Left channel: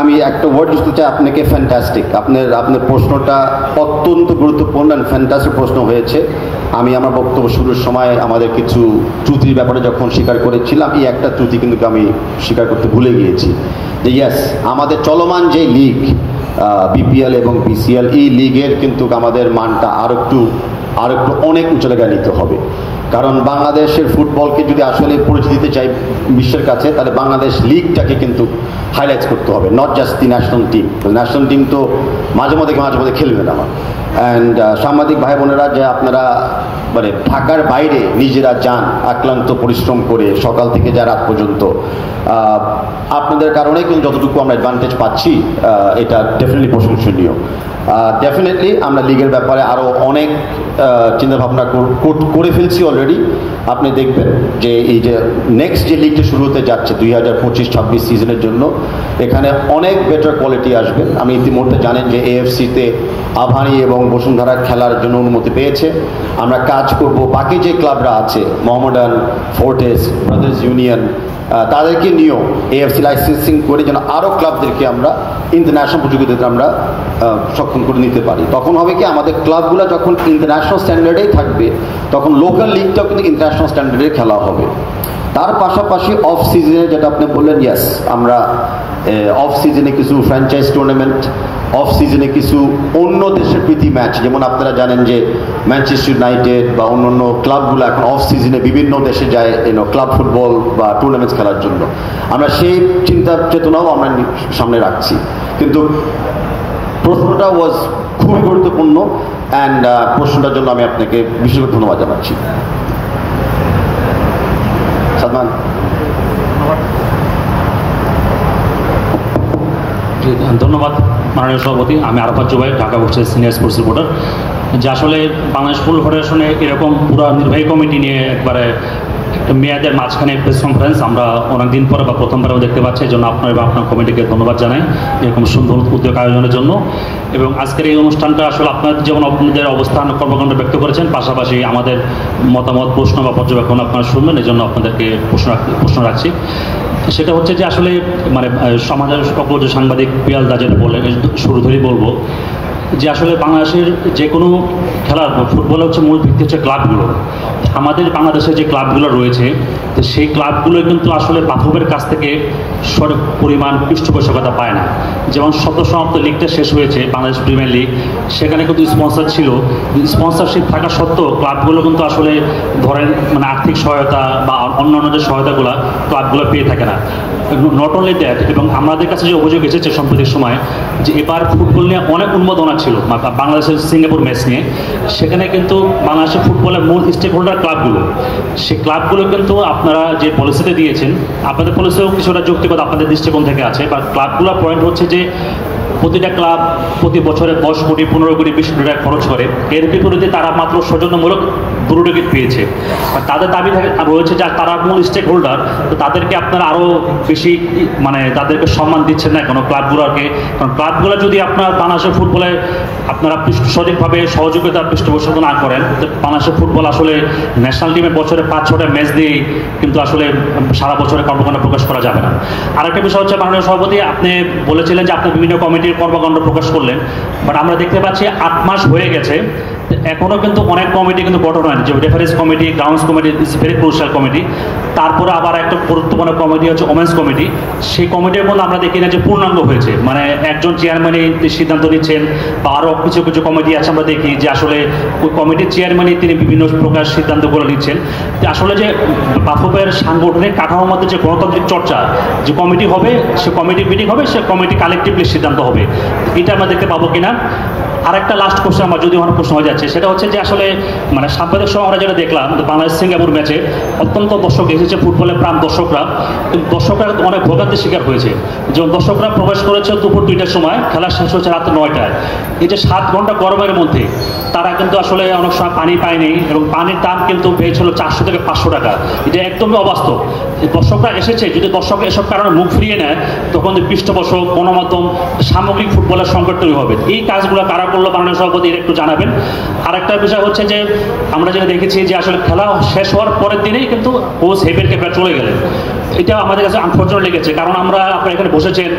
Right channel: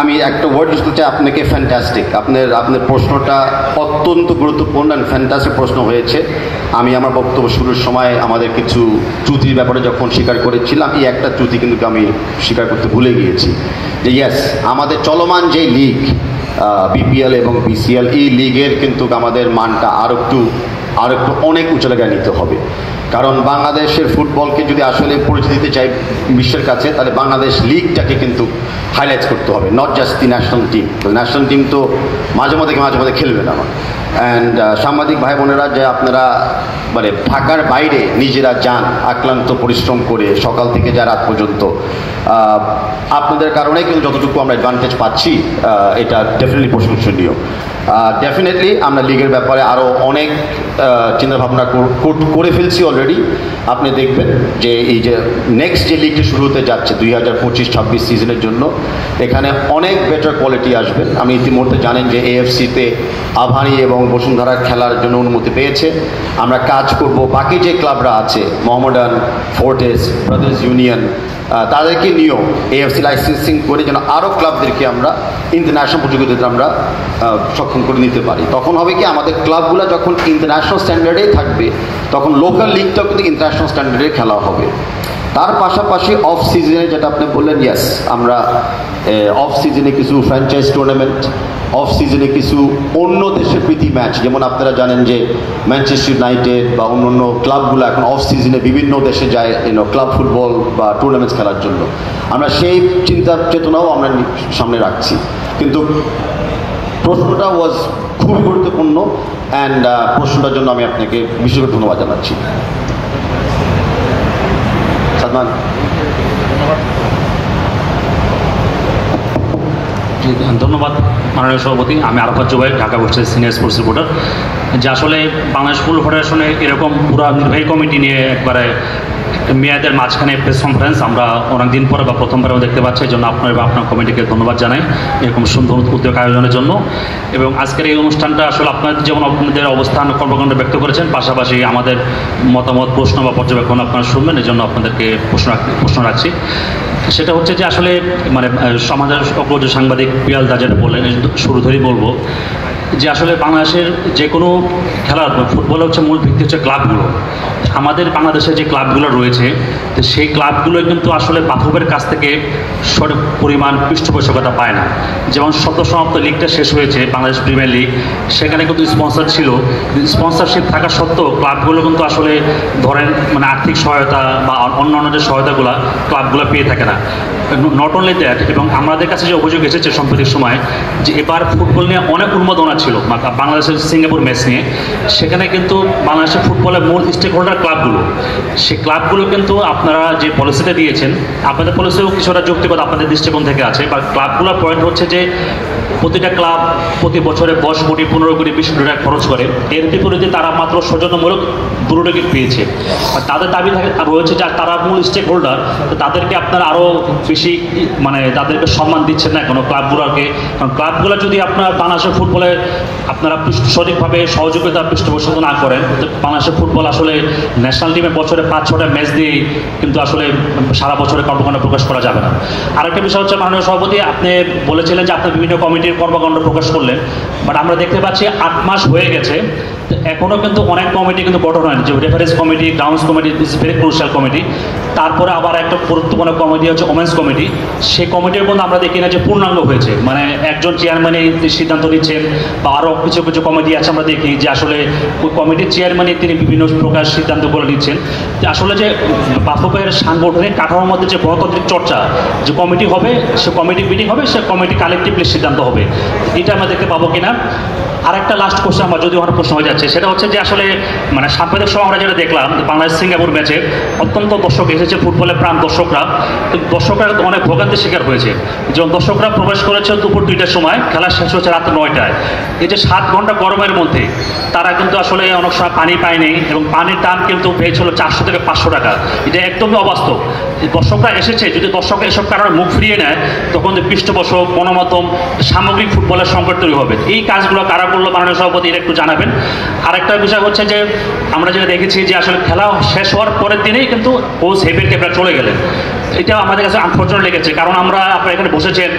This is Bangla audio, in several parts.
আমি একটা ওয়ার্ড ইউজ করতে চাই আপনাকে, ফ্যান্টাস্টিক। আপনার প্রশ্নটা অত্যন্ত গুরুত্বপূর্ণ অ্যান্ড ফ্যান্টাস্টিক প্রশ্ন হয়েছে। আমি আমার বক্তব্য শুরুর সময় আমাদের কিছু ত্রুটির ব্যাপারে যখন স্বীকার করেছিলাম, এই একটা ত্রুটি কিন্তু আমি স্বীকার করতে ভুলে গিয়েছি যে ইয়েস, আমাদের চলমান যে লিগ বিপিএল এবং বিসিএল, এই লিগের কিন্তু আমাদের মানটা আরও একটু অনেক উঁচু জায়গায় নিতে হবে। কারণ বাংলাদেশের ফুটবলকে যদি আসলে পরিচিতি দিতে চাই বিশ্বের কাছে, তাহলে বাংলাদেশ লিগটাকে কিন্তু হাইলাইট করতে হবে, not just the national team. National team তো মাঝে মধ্যে খেলবে না। অ্যান্ড সাংবাদিক ভাই বোনেরা, যে আপনারা মানে ঢাকার বাইরে নিজেরা যান আক্লান্ত পরিশ্রম করে সকাল থেকে যা রাত পর্যন্ত, আপনাদের কারণে কিন্তু যতটুকু আমরা অ্যাডভান্টেজ পাচ্ছি, এটা ডেফিনেটলি প্রশংসনীয়। ডেফিনেটলি আমরা লিগের ব্যাপারে আরও অনেক চিন্তাভাবনা করে ফেলছি অলরেডি। আপনি দেখবেন যে এই যে নেক্সট যে লিগটা শুরু হতে যাচ্ছে 2025-26 সিজনের জন্য, এখানে অনেক বেটার কোয়ালিটি আসবেন। আমি ইতিমধ্যে জানেন যে এএফসিতে আভানি এবং বসুন্ধরা খেলার জন্য অনুমতি পেয়েছে। আমরা কাজ করব বাকি যে ক্লাবরা আছে, মোহামেডান, ফোর্টিস, ব্রাদার্স ইউনিয়ন, তাদেরকে নিয়েও এএফসি লাইসেন্সিং করে যেন আরও ক্লাবদেরকে আমরা ইন্টারন্যাশনাল প্রতিযোগিতাতে আমরা সক্ষম করে নিতে পারি। তখন হবে কি, আমাদের ক্লাবগুলো যখন ইন্টারন্যাশনাল স্ট্যান্ডার্ডেই থাকবে, তখন লোকাল লিগটাও কিন্তু ইন্টারন্যাশনাল স্ট্যান্ডার্ডে খেলা হবে। তার পাশাপাশি অফ সিজনে যেটা আপনি বললেন, ইয়েস, আমরা অফ সিজনে কিছু ফ্র্যাঞ্চাইজ টুর্নামেন্ট, অফ সিজনে কিছু অন্য দেশের প্রীতি ম্যাচ, যেমন আপনারা জানেন যে ম্যানচেস্টার ইউনাইটেড বা অন্য ক্লাবগুলো এখন অফ সিজনে বিভিন্ন দেশে যায় ক্লাব ফুটবল বা টুর্নামেন্টস খেলার জন্য। আমরা সেই চিন্তা চেতনাও আমরা সামনে রাখছি। কিন্তু প্রশ্নটা ওয়াজ খুবই গুরুত্বপূর্ণ অ্যান্ড প্রশ্নটার জন্য আমি আপনাকে বিশেষ ধন্যবাদ জানাচ্ছি। সালমান, ধন্যবাদ মাননীয় সভাপতি। আমি আরাফাত জুবাইর, ঢাকা বুকসের সিনিয়র স্পোর্টস রিপোর্টার। যে আসলে বাংলাদেশ ফুটবল ফেডারেশনে এরকম পুরো নির্বাহী কমিটি নিয়ে একবারে মেয়াদের মাঝখানে প্রেস কনফারেন্স আমরা অনেকদিন পরে বা প্রথমবারেও দেখতে পাচ্ছি। এই জন্য আপনার বা আপনার কমিটিকে ধন্যবাদ জানাই এরকম সুন্দর উদ্যোগ আয়োজনের জন্য। এবং আজকের এই অনুষ্ঠানটা আসলে আপনাদের যেমন আপনাদের অবস্থান কর্মকাণ্ড ব্যক্ত করেছেন, পাশাপাশি আমাদের মতামত, প্রশ্ন বা পর্যবেক্ষণ আপনারা শুনবেন, এই জন্য আপনাদেরকে প্রশ্ন রাখছি। সেটা হচ্ছে যে আসলে মানে আমাদের সকল যে সাংবাদিক পিয়াল দা যেটা বললেন, শুরু ধরেই বলবো যে আসলে বাংলাদেশের যে কোনো খেলার ফুটবল হচ্ছে মূল ভিত্তি হচ্ছে ক্লাবগুলো। আমাদের বাংলাদেশের যে ক্লাবগুলো রয়েছে, তো সেই ক্লাবগুলো কিন্তু আসলে বাফুফের কাছ থেকে সঠিক পরিমাণ পৃষ্ঠপোষকতা পায় না। যেমন সদ্য সমাপ্ত লিগটা শেষ হয়েছে বাংলাদেশ প্রিমিয়ার লিগ, সেখানে কিন্তু স্পন্সর ছিল, স্পন্সরশিপ থাকা সত্ত্বেও ক্লাবগুলো কিন্তু আসলে ধরেন মানে আর্থিক সহায়তা বা অন্যান্য যে সহায়তাগুলো ক্লাবগুলো পেয়ে থাকে না। নট অনলি দ্যাট, এবং আমাদের কাছে যে অভিযোগ এসেছে সাম্প্রতিক সময় যে এবার ফুটবল নিয়ে অনেক উন্মাদনা ছিল বাংলাদেশের সিঙ্গাপুর ম্যাচ নিয়ে। সেখানে কিন্তু বাংলাদেশের ফুটবলের মূল স্টেক হোল্ডার ক্লাবগুলো, সেই ক্লাবগুলো কিন্তু আপনারা যে পলিসিটা দিয়েছেন, আপনাদের পলিসিও কিছুটা যৌক্তিকতা আপনাদের দৃষ্টিকোণ থেকে আছে। বা ক্লাবগুলোর পয়েন্ট হচ্ছে যে প্রতিটা ক্লাব প্রতি বছরে 10 কোটি 15 কোটি 20 কোটি টাকা খরচ করে, এর বিপরীতে তারা মাত্র সৌজন্যমূলক 2 টিকিট পেয়েছে। আর তাদের দাবি রয়েছে যে তারা মূল স্টেক হোল্ডার, তো তাদেরকে আপনারা আরও বেশি মানে তাদেরকে সম্মান দিচ্ছেন না কোনো ক্লাবগুলোকে। কারণ ক্লাবগুলো যদি আপনার বাংলাদেশের ফুটবলে আপনারা সঠিকভাবে সহযোগিতা পৃষ্ঠপোষকতা না করেন, তো বাংলাদেশের ফুটবল আসলে ন্যাশনাল টিমের বছরে 5-6টা ম্যাচ দিয়ে কিন্তু আসলে সারা বছরে কর্মকাণ্ড প্রকাশ করা যাবে না। আরেকটা বিষয় হচ্ছে মাননীয় সভাপতি, আপনি বলেছিলেন যে আপনি বিভিন্ন কমিটির কর্মকাণ্ড প্রকাশ করলেন, বাট আমরা দেখতে পাচ্ছি 8 মাস হয়ে গেছে, এখনও কিন্তু অনেক কমিটি কিন্তু গঠন হয়নি। যে reference committee, grounds committee is very crucial committee. তারপরে আবার একটা গুরুত্বপূর্ণ কমিটি হচ্ছে ওমেন্স কমিটি। সেই কমিটির মধ্যে আমরা দেখি না যে পূর্ণাঙ্গ হয়েছে, মানে একজন চেয়ারম্যানই সিদ্ধান্ত নিচ্ছেন, বা আরও কিছু কিছু কমিটি আছে আমরা দেখি যে আসলে ওই কমিটির চেয়ারম্যানই তিনি বিভিন্ন প্রকার সিদ্ধান্ত করে নিচ্ছেন। যে আসলে যে বাফুফের সাংগঠনিক কাঠামোর মধ্যে যে গণতান্ত্রিক চর্চা, যে কমিটি হবে, সে কমিটি মিটিং হবে, সে কমিটি কালেকটিভলি সিদ্ধান্ত হবে, এটা আমরা দেখতে পাবো কিনা। আর একটা লাস্ট কোশ্চেন আমার যদি অনেক প্রশ্ন হয়ে যাচ্ছে, সেটা হচ্ছে যে আসলে মানে সাম্প্রতিক সময় আমরা যেটা দেখলাম বাংলাদেশ সিঙ্গাপুর ম্যাচে অত্যন্ত দর্শক এসেছে, ফুটবলের প্রাণ দর্শকরা, কিন্তু দর্শকরা অনেক ভোগান্তির শিকার হয়েছে। যেমন দর্শকরা প্রবেশ করেছে দুপুর 2টার সময়, খেলা শেষ হচ্ছে রাত 9টায়। এই যে 7 ঘন্টা গরমের মধ্যে তারা কিন্তু আসলে অনেক সময় পানি পায়নি, এবং পানির দাম কিন্তু পেয়েছিল 400 থেকে 500 টাকা। এটা একদমই অবাস্তব। দর্শকরা এসেছে, যদি দর্শকরা এসব কারণে মুখ ফিরিয়ে নেয়, তখন পৃষ্ঠপোষক, গণমাধ্যম, সামগ্রিক ফুটবলের সংকট তৈরি হবে। এই কাজগুলো কারা করলো মাননীয় সভাপতি, এটা একটু জানাবেন। আরেকটা বিষয় হচ্ছে যে আমরা যেটা দেখেছি যে আসলে খেলা শেষ হওয়ার পরের দিনেই কিন্তু কোচ হেভিয়ার ক্যাপ্টেন চলে গেলেন। এটা আমাদের কাছে আনফর্চুনেট লেগেছে, কারণ আপনারা এখানে বসেছেন,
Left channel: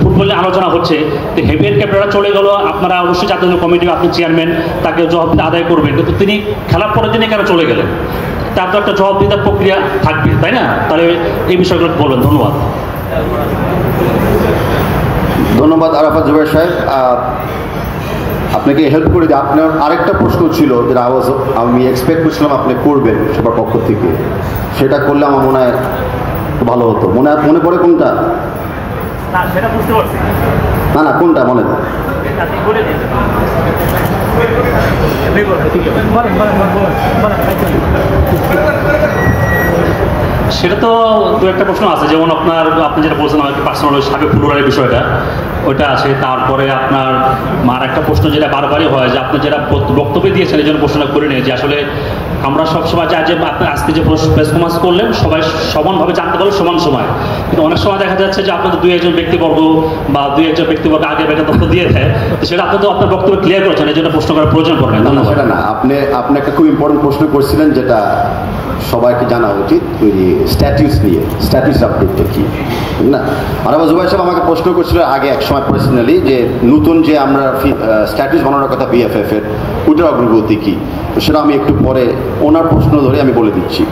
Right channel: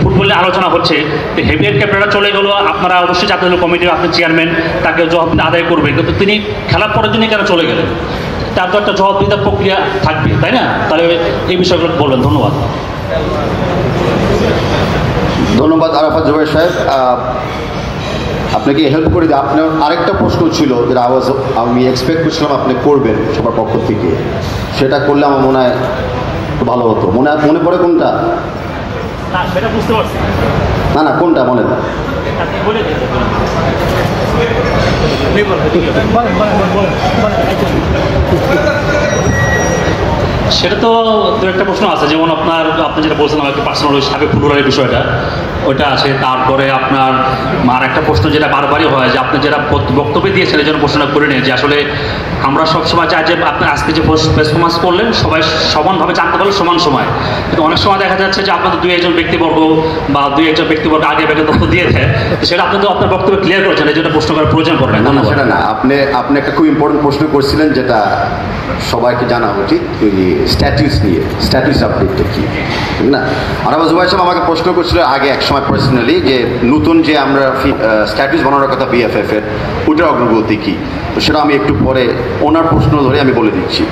ফুটবলে আলোচনা হচ্ছে, তো হেভিয়ার ক্যাপ্টেনরা চলে গেল। আপনারা অবশ্যই জাতীয় কমিটির আপনি চেয়ারম্যান, তাকে জবাবদিহি আদায় করবেন, কিন্তু তিনি খেলার পরের দিনে কেন চলে গেলেন? তার তো একটা জবাবদিহিতার প্রক্রিয়া থাকবে, তাই না? তাহলে এই বিষয়গুলো বলবেন। ধন্যবাদ। ধন্যবাদ আরাফাত জুবাইর সাহেব, আপনাকে হেল্প করে দিই। আপনার আরেকটা প্রশ্ন ছিল যেটা আমি এক্সপেক্ট করছিলাম আপনি করবেন সবার পক্ষ থেকে, সেটা করলে আমার মনে হয় ভালো হতো। মনে পড়ে কোনটা? না না, কোনটা মনে হয়? সেটা তো দু একটা প্রশ্ন আছে, যেমন আপনি যেটা বলছেন আমাকে পার্সোনাল সাবেক ফুটবলের বিষয়টা, ওটা আছে। তারপরে আপনার আর একটা প্রশ্ন যেটা বারবারই হয়, যে আপনি যেটা বক্তব্য দিয়েছেন এই জন্য প্রশ্নটা করে নিন, যে আসলে আমরা সবসময় চাই যে আপনি আজকে যে পারফরমেন্স করলেন সবাই সমানভাবে জানতে পারলো সমান সময়, কিন্তু অনেক সময় দেখা যাচ্ছে যে আপনাদের দুই একজন ব্যক্তিবর্গ বা দুই একজন ব্যক্তিবর্গ আগে ব্যাগে তথ্য দিয়ে দেয়, সেটা আপনি তো আপনার বক্তব্য ক্লিয়ার করেছেন, এই জন্য প্রশ্ন করার প্রয়োজন পড়বে না। সেটা না, আপনি একটা খুব ইম্পর্টেন্ট প্রশ্ন করছিলেন যেটা সবাইকে জানা উচিত, ওই স্ট্যাটিউস নিয়ে। স্ট্যাটিউস আপডেটটা কি, ঠিক না? আরাফাত জুবাইর সাহেব আমাকে প্রশ্ন করছিল আগে এক সময় পার্সোনালি, যে নতুন যে আমরা স্ট্যাটিউস বানানোর কথা বিএফএফ এর, ওটার অগ্রগতি কি, তো সেটা আমি একটু পরে ওনার প্রশ্ন ধরে আমি বলে দিচ্ছি।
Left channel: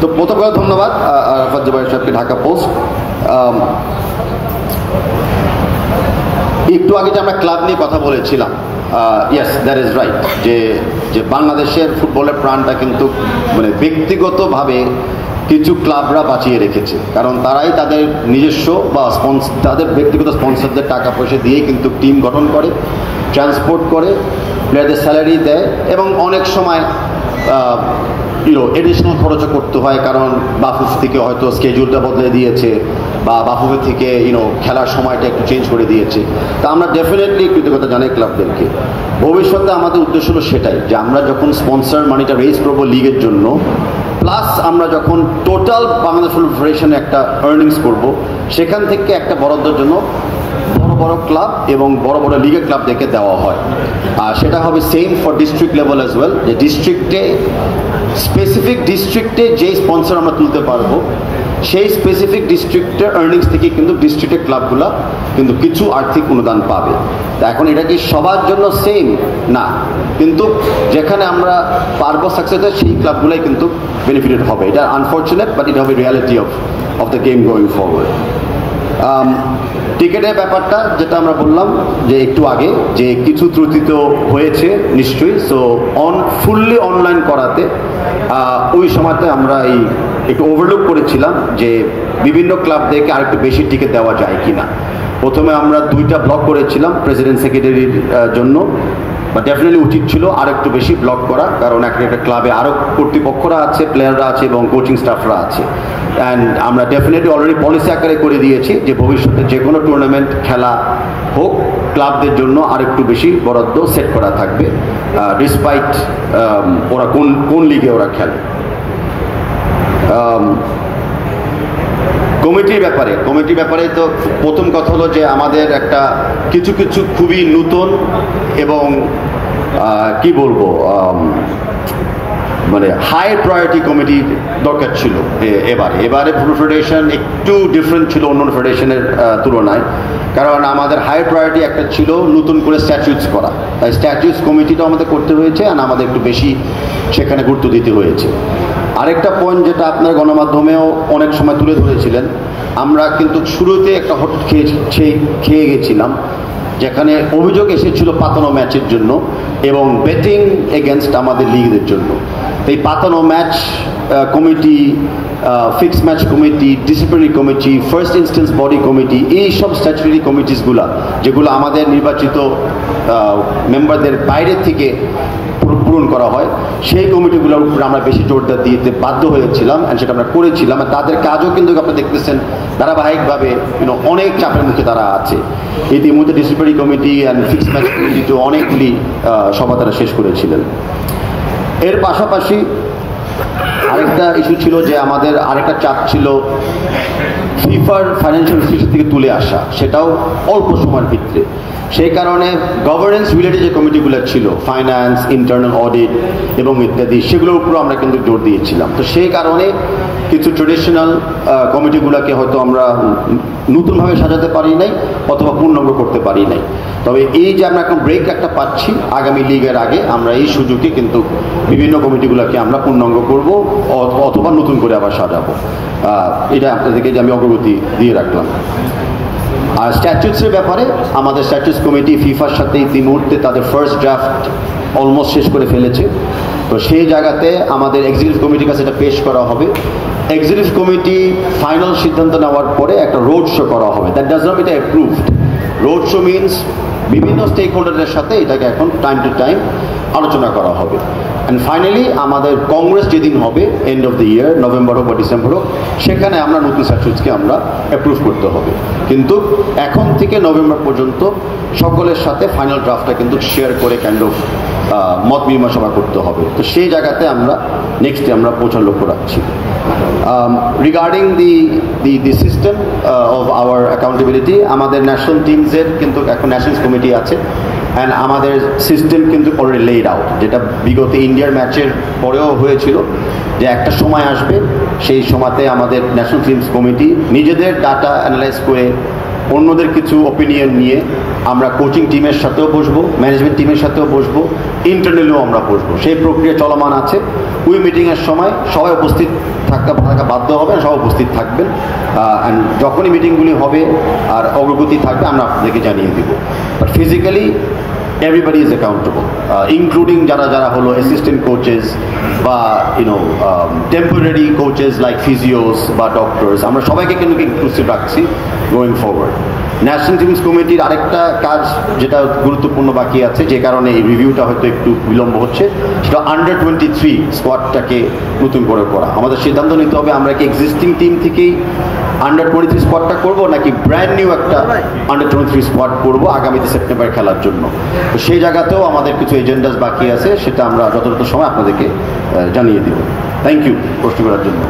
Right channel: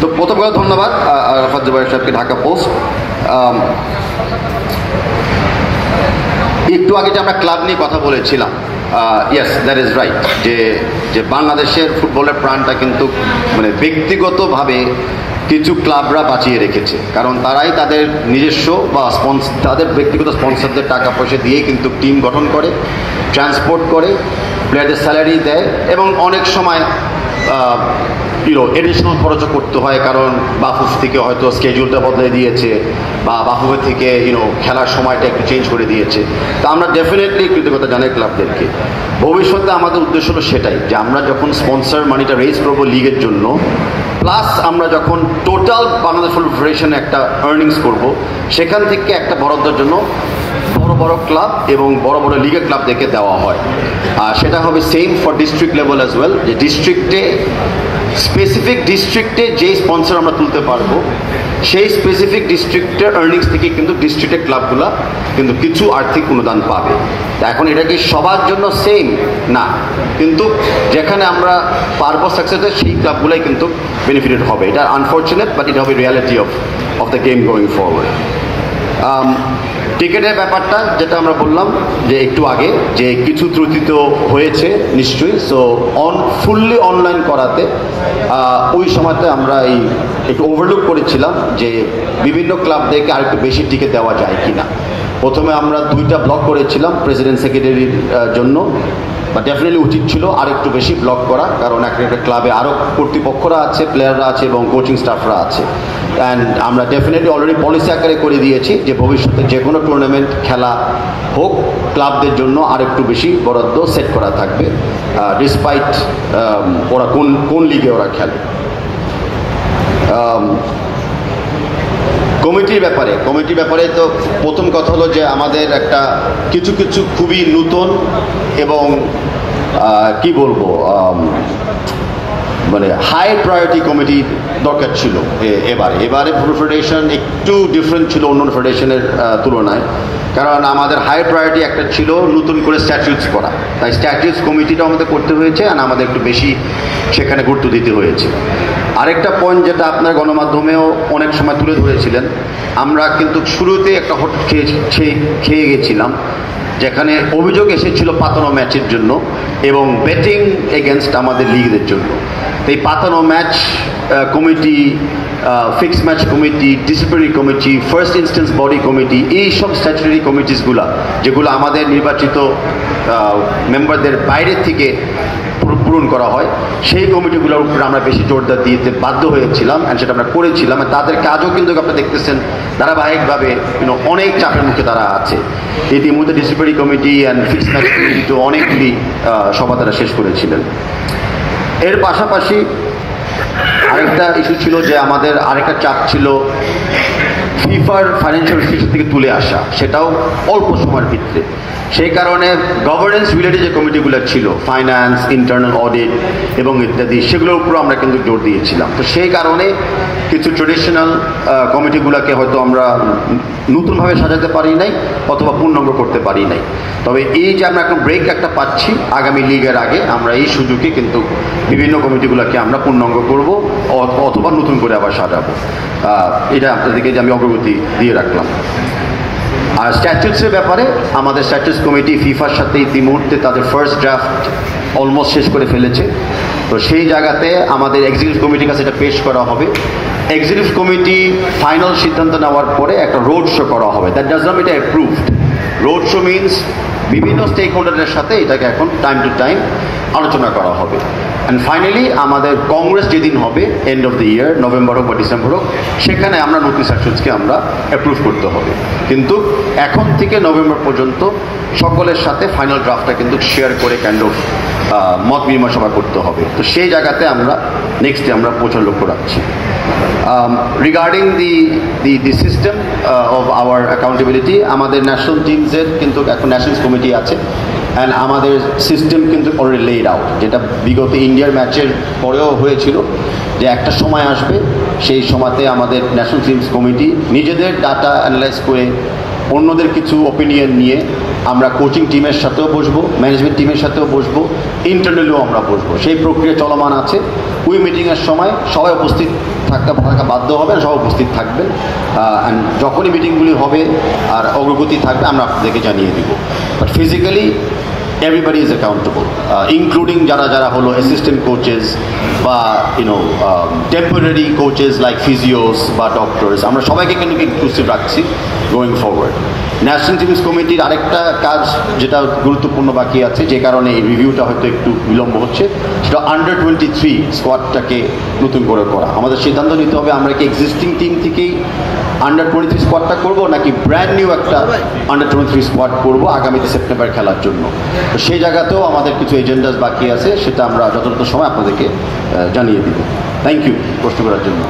তো প্রথম কথা ধন্যবাদ আরাফাত জুবাইর সাহেবকে, ঢাকা পোস্ট। একটু আগে যে আমরা ক্লাব নিয়ে কথা বলেছিলাম, ইয়েস দ্যাট ইজ রাইট, যে বাংলাদেশের ফুটবলের প্রাণটা কিন্তু মানে ব্যক্তিগতভাবে কিছু ক্লাবরা বাঁচিয়ে রেখেছে, কারণ তারাই তাদের নিজস্ব বা তাদের ব্যক্তিগত স্পন্সরদের টাকা পয়সা দিয়েই কিন্তু টিম গঠন করে, ট্রান্সপোর্ট করে, প্লেয়ারদের স্যালারি দেয়, এবং অনেক সময় এডিশনাল খরচও করতে হয়, কারণ বাফুফ থেকে হয়তো স্কেডিউলটা বদলে দিয়েছে, বা বাফুফের থেকে খেলার সময়টা একটু চেঞ্জ করে দিয়েছে। তা আমরা ডেফিনেটলি কৃতজ্ঞতা জানাই ক্লাবদেরকে। ভবিষ্যতে আমাদের উদ্দেশ্য হলো সেটাই, যে আমরা যখন স্পন্সর মানিটা রেজ করবো লিগের জন্য, প্লাস আমরা যখন টোটাল বাংলাদেশ ফুটবল ফেডারেশনে একটা আর্নিংস করব, সেখান থেকে একটা বরাদ্দের জন্য বড় বড় ক্লাব এবং বড় বড় লিগের ক্লাবদেরকে দেওয়া হয়। আর সেটা হবে same for district level as well, যে ডিস্ট্রিক্টে স্পেসিফিক ডিস্ট্রিক্টে যেই স্পন্সর আমরা তুলতে পারবো, সেই স্পেসিফিক ডিস্ট্রিক্টের আর্নিংস থেকে কিন্তু ডিস্ট্রিক্টের ক্লাবগুলো কিন্তু কিছু আর্থিক অনুদান পাবে। এখন এটা কি সবার জন্য সেম না, কিন্তু যেখানে আমরা পারবো সাকসেসের, সেই ক্লাবগুলোই কিন্তু বেনিফিটেড হবে। এটা আনফর্চুনেট, বাট এটা হবে reality of the game going forward. টিকেটের ব্যাপারটা যেটা আমরা বললাম যে একটু আগে, যে কিছু ত্রুটি তো হয়েছে নিশ্চয়ই। সো ফুললি অনলাইন করাতে ওই সময়তে আমরা একটু ওভারলুক করেছিলাম যে বিভিন্ন ক্লাবদেরকে আরেকটু বেশি টিকিট দেওয়া যায় কিনা। প্রথমে আমরা 2টা ব্লক করেছিলাম প্রেসিডেন্ট সেক্রেটারির জন্য, ডেফিনেটলি উচিত ছিল আর একটু বেশি ব্লক করা, কারণ একটা ক্লাবে আরও কর্তৃপক্ষরা আছে, প্লেয়াররা আছে এবং কোচিং স্টাফরা আছে। অ্যান্ড আমরা ডেফিনেটলি অলরেডি পলিসি আকারে করে দিয়েছি যে ভবিষ্যতে যে কোনো টুর্নামেন্ট খেলা হোক, ক্লাবদের জন্য আর একটু বেশি বরাদ্দ সেট করা থাকবে, ডিসপাইট ওরা কোন লিগে ওরা খেলে। কমিটির ব্যাপারে তো প্রথম কথা হলো যে আমাদের একটা কিছু খুবই নতুন এবং কি বলবো, মানে হাই প্রায়োরিটি কমিটি দরকার ছিল এবারে ফুটবল ফেডারেশন একটু ডিফারেন্ট ছিল অন্য ফেডারেশনের তুলনায়, কারণ আমাদের হাই প্রায়োরিটি একটা ছিল নতুন করে স্ট্যাটিউটস করা, তাই স্ট্যাটিউটস কমিটিটা আমাদের করতে হয়েছে, আর আমাদের একটু বেশি সেখানে গুরুত্ব দিতে হয়েছে। আরেকটা পয়েন্ট যেটা আপনার গণমাধ্যমেও অনেক সময় তুলে ধরেছিলেন, আমরা কিন্তু শুরুতে একটা হোটেল খেয়ে গেছিলাম, যেখানে অভিযোগ এসেছিল পাতানো ম্যাচের জন্য এবং বেটিং এগেনস্ট আমাদের লিগদের জন্য। এই পাতানো match committee, fixed match committee, disciplinary committee, first instance body committee, এই সব স্ট্যাচুটারি কমিটিসগুলো যেগুলো আমাদের নির্বাচিত মেম্বারদের বাইরে থেকে পূরণ করা হয়, সেই কমিটিগুলোর উপরে আমরা বেশি জোরদার দিতে বাধ্য হয়েছিলাম, অ্যান্ড সেটা আমরা করেছিলাম। তাদের কাজও কিন্তু আপনি দেখতেছেন ধারাবাহিকভাবে অনেক চাপের মুখে তারা আছে। ইতিমধ্যে disciplinary committee and fixed match কমিটিতে অনেকগুলি সভা তারা শেষ করেছিলেন। এর পাশাপাশি আরেকটা ইস্যু ছিল যে আমাদের আরেকটা চাপ ছিল ফিফার ফাইন্যান্সিয়াল ইনস্টিটিউশন থেকে তুলে আসা, সেটাও অল্প সময়ের ভিতরে। সেই কারণে গভর্নেন্স রিলেটেড যে কমিটিগুলো ছিল, ফাইন্যান্স, ইন্টারনাল অডিট এবং ইত্যাদি, সেগুলোর উপর আমরা কিন্তু জোর দিয়েছিলাম। তো সেই কারণে কিছু ট্রেডিশনাল কমিটিগুলোকে হয়তো আমরা নতুনভাবে সাজাতে পারি নাই অথবা পূর্ণাঙ্গ করতে পারি নাই। তবে এই যে আমরা এখন ব্রেক একটা পাচ্ছি আগামী লিগের আগে, আমরা এই সুযোগে কিন্তু বিভিন্ন কমিটিগুলোকে আমরা পূর্ণাঙ্গ করব অথবা নতুন করে আবার সাজাবো। এটা আপনাদেরকে যে আমি অগ্রগতি দিয়ে রাখলাম। আর স্ট্যাচুটসের ব্যাপারে আমাদের স্ট্যাচুটস কমিটি ফিফার সাথে ইতিমধ্যে তাদের ফার্স্ট ড্রাফট অলমোস্ট শেষ করে ফেলেছে। তো সেই জায়গাতে আমাদের এক্সিকিউটিভ কমিটির কাছে এটা পেশ করা হবে। এক্সিকিউটিভ কমিটি ফাইনাল সিদ্ধান্ত নেওয়ার পরে একটা রোড শো করা হবে। দ্যাট ডাজ নট এটা অ্যাপ্রুভড। রোড শো মিনস বিভিন্ন স্টেক হোল্ডারের সাথে এটাকে এখন টাইম টু টাইম আলোচনা করা হবে। অ্যান্ড ফাইনালি আমাদের কংগ্রেস যেদিন হবে end of the year, November হোক বা ডিসেম্বর হোক, সেখানে আমরা নতুন স্ট্যাচুটসকে আমরা অ্যাপ্রুভ করতে হবে। কিন্তু এখন থেকে নভেম্বর পর্যন্ত সকলের সাথে ফাইনাল ড্রাফটটা কিন্তু শেয়ার করে কাইন্ড অফ মত বিনিময় সভা করতে হবে। তো সেই জায়গাতে আমরা নেক্সটে আমরা পৌঁছার লক্ষ্য রাখছি। Regarding the system of our accountability, আমাদের ন্যাশনাল টিমসের কিন্তু এখন ন্যাশনাল কমিটি আছে অ্যান্ড আমাদের সিস্টেম কিন্তু অলরেডি লেড আউট, যেটা বিগত ইন্ডিয়ার ম্যাচের পরেও হয়েছিল যে একটা সময় আসবে, সেই সময়তে আমাদের ন্যাশনাল টিমস কমিটি নিজেদের ডাটা অ্যানালাইজ করে অন্যদের কিছু ওপিনিয়ন নিয়ে আমরা কোচিং টিমের সাথেও বসবো, ম্যানেজমেন্ট টিমের সাথেও বসবো, ইন্টারনালিও আমরা বসবো। সেই প্রক্রিয়া চলমান আছে। ওই মিটিংয়ের সময় সবাই উপস্থিত থাকা বাধ্য হবেন, সবাই উপস্থিত থাকবেন। যখনই মিটিংগুলি হবে আর অগ্রগতি থাকবে আমরা আপনাদেরকে জানিয়ে দিব। But physically everybody is accountable, including যারা হলো অ্যাসিস্ট্যান্ট কোচেস বা টেম্পোরারি কোচেস লাইক ফিজিওস বা ডক্টরস, আমরা সবাইকে কিন্তু ইনক্লুসিভ রাখছি গোয়িং ফরওয়ার্ড। ন্যাশনাল টিমস কমিটির আরেকটা কাজ যেটা গুরুত্বপূর্ণ বাকি আছে, যে কারণে এই রিভিউটা হয়তো একটু বিলম্ব হচ্ছে, সেটা আন্ডার 23 স্কোয়াডটাকে নতুন করে করা। আমাদের সিদ্ধান্ত নিতে হবে আমরা কি এক্সিস্টিং টিম থেকেই আন্ডার 23 স্কোয়াডটা করবো নাকি ব্র্যান্ড নিউ একটা আন্ডার 23 স্কোয়াড করবো আগামীতে সেপ্টেম্বর খেলার জন্য। তো সেই জায়গাতেও আমাদের কিছু এজেন্ডাস বাকি আছে, সেটা আমরা যথাযথ সময় আপনাদেরকে জানিয়ে দিব। থ্যাংক ইউ প্রশ্ন করার জন্য।